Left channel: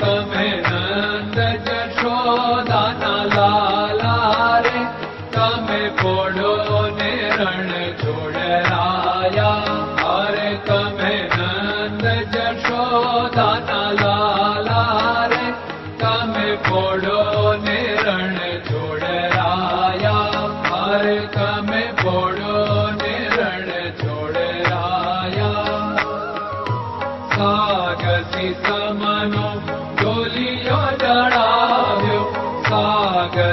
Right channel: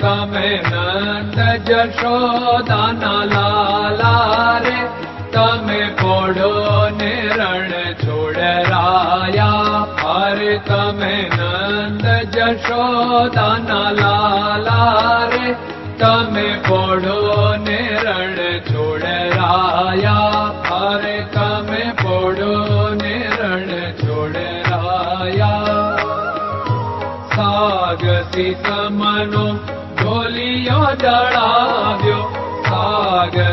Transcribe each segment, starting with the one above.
તમે નંદ જશોદાના લાલા રે, તમે પોડો ને રણ છોડરાયા અરે તમે નંદ જશોદાના લાલા રે, તમે પોડો ને રણ છોડરાયા અરે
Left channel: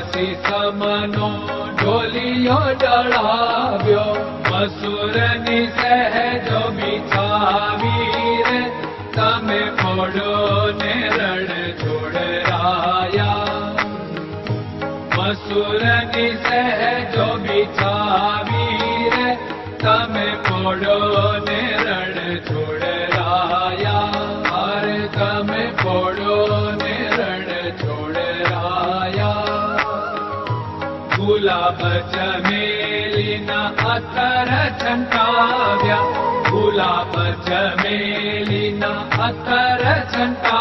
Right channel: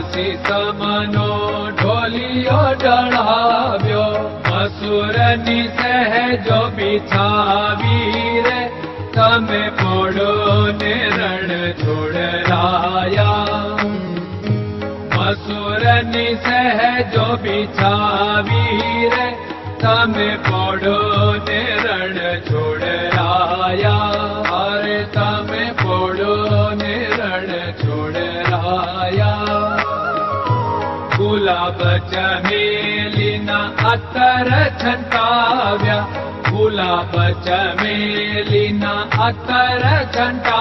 સમનો ઢોલિયો ડળાવ્યો અસુરની સહેજો બિછાવી રે. તમે પોડો ને રણ છોડરાયા. મસુરની સહેજો બિછાવી રે. તમે પોડો ને च मेलिना अकर्या भूला पच मेलिना अकर चण्टा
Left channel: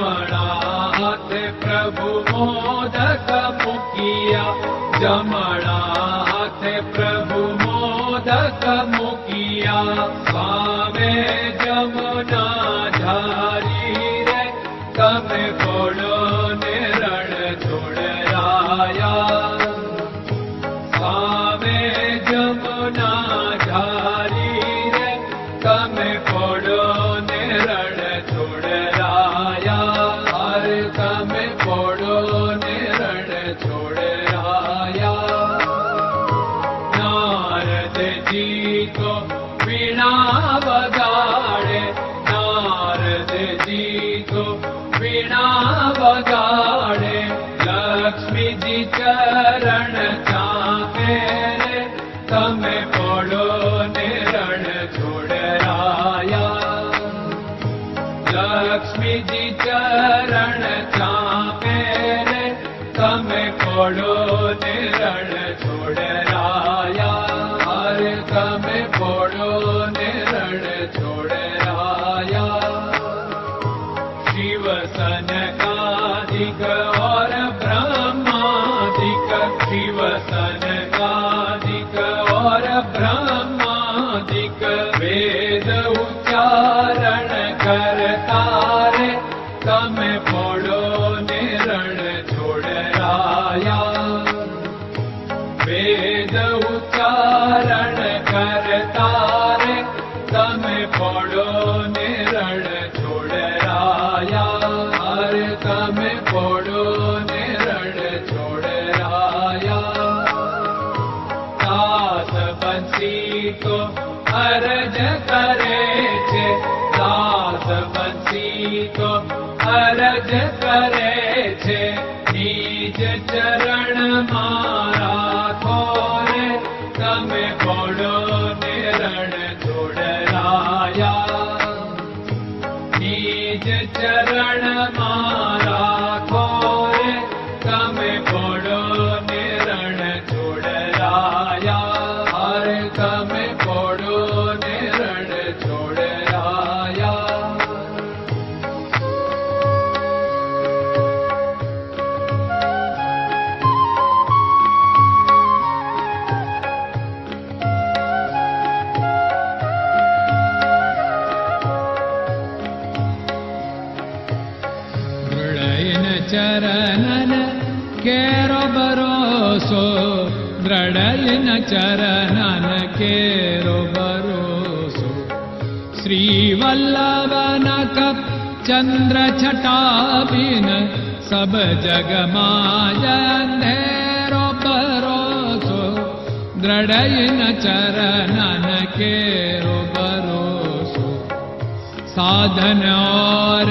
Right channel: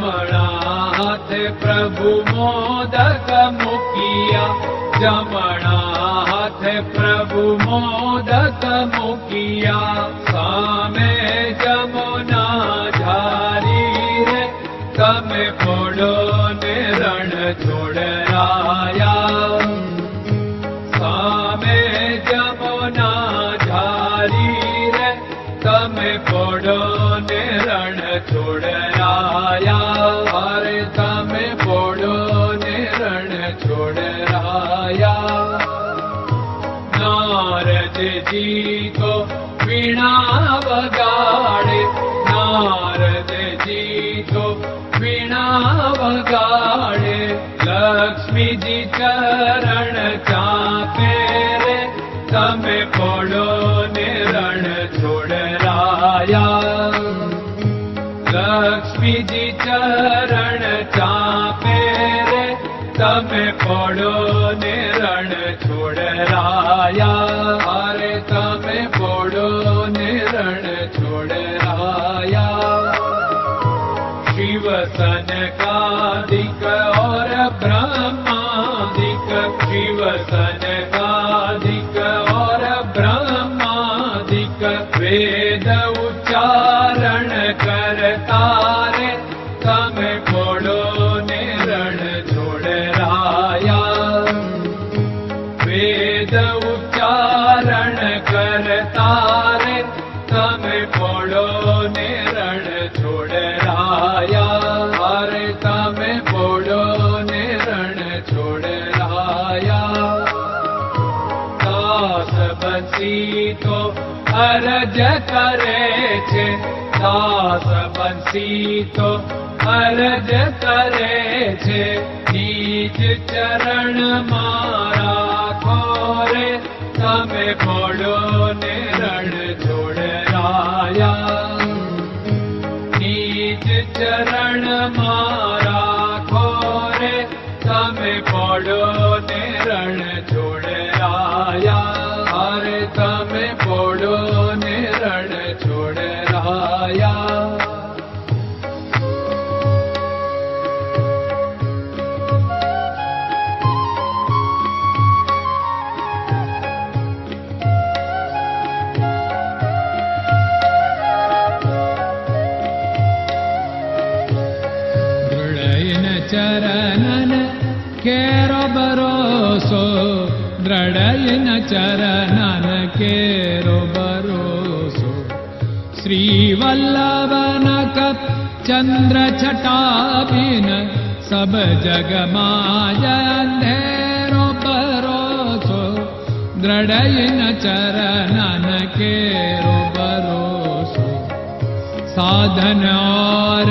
राध प्रभु તમે પોડો ને રણ છોડરાયા उच्चारण करता तमे पडो ने रणोडरायामे पडो ने रणोडया काश बितो हर करे कास बीतो हरज चरणन केरो भरोसो द्रडयन चरणन केरो भरोसो। श्रीवल्लभ चन्द्र छटाबिन सब जगमाजेरो भरोसो द्रडयन चरणन केरो भरोसो। साधन और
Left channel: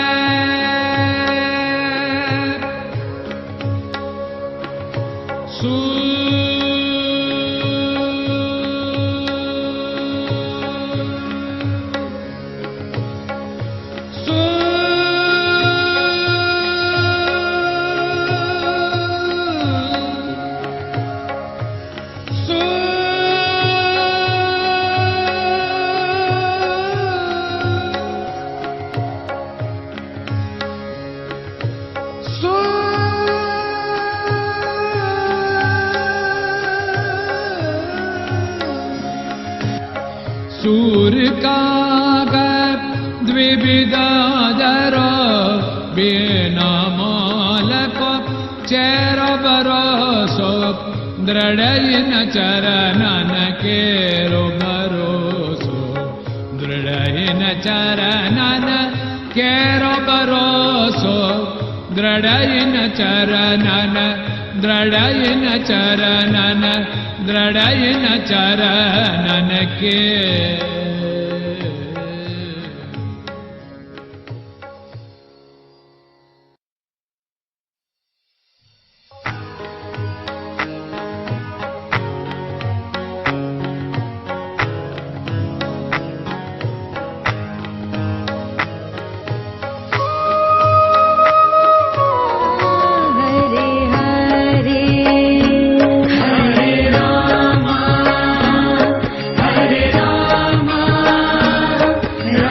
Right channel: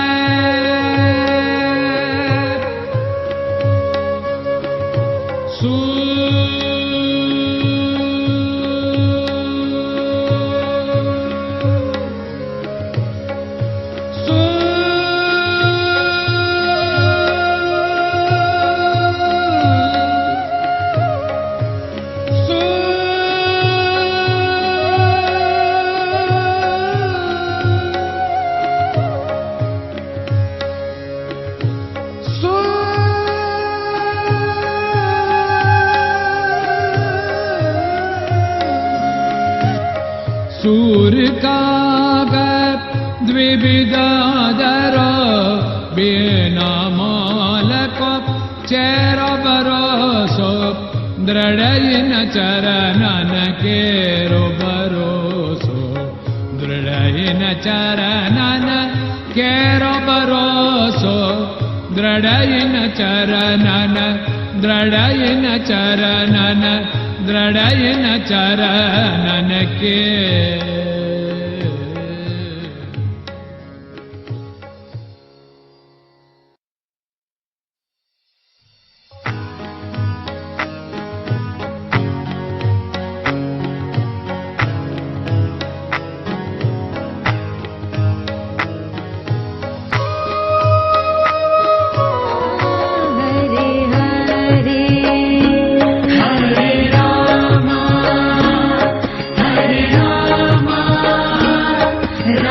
द्विविदादर बिना मालक चेर दृढयिन चरणन केरो भरोसो दृढयिन चरणन केरो भरोसो दृढयिन चरणन दृढयिन चरणन दृढयिन चरणन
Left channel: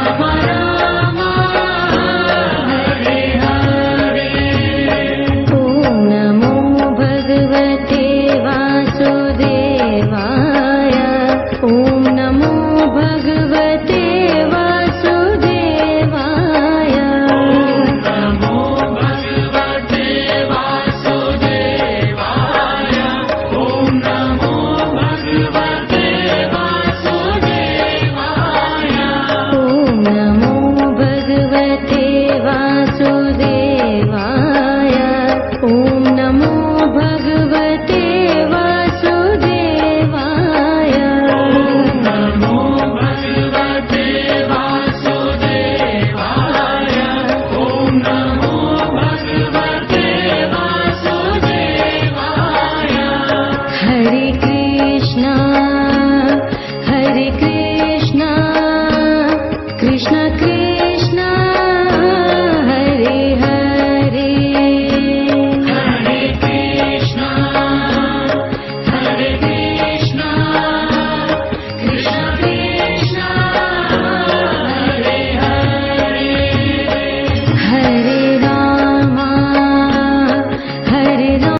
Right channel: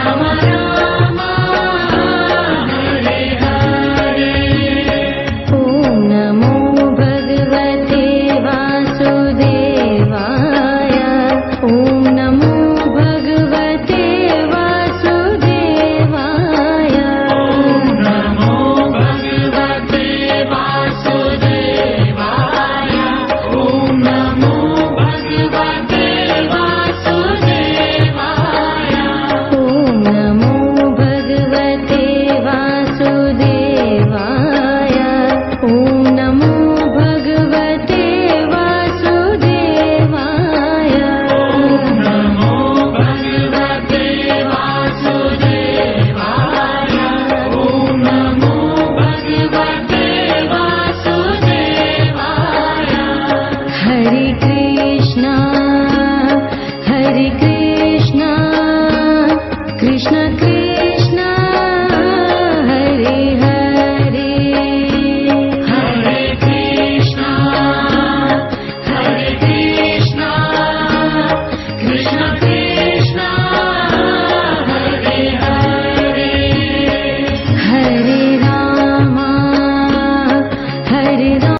Come on down. वासुदेवाय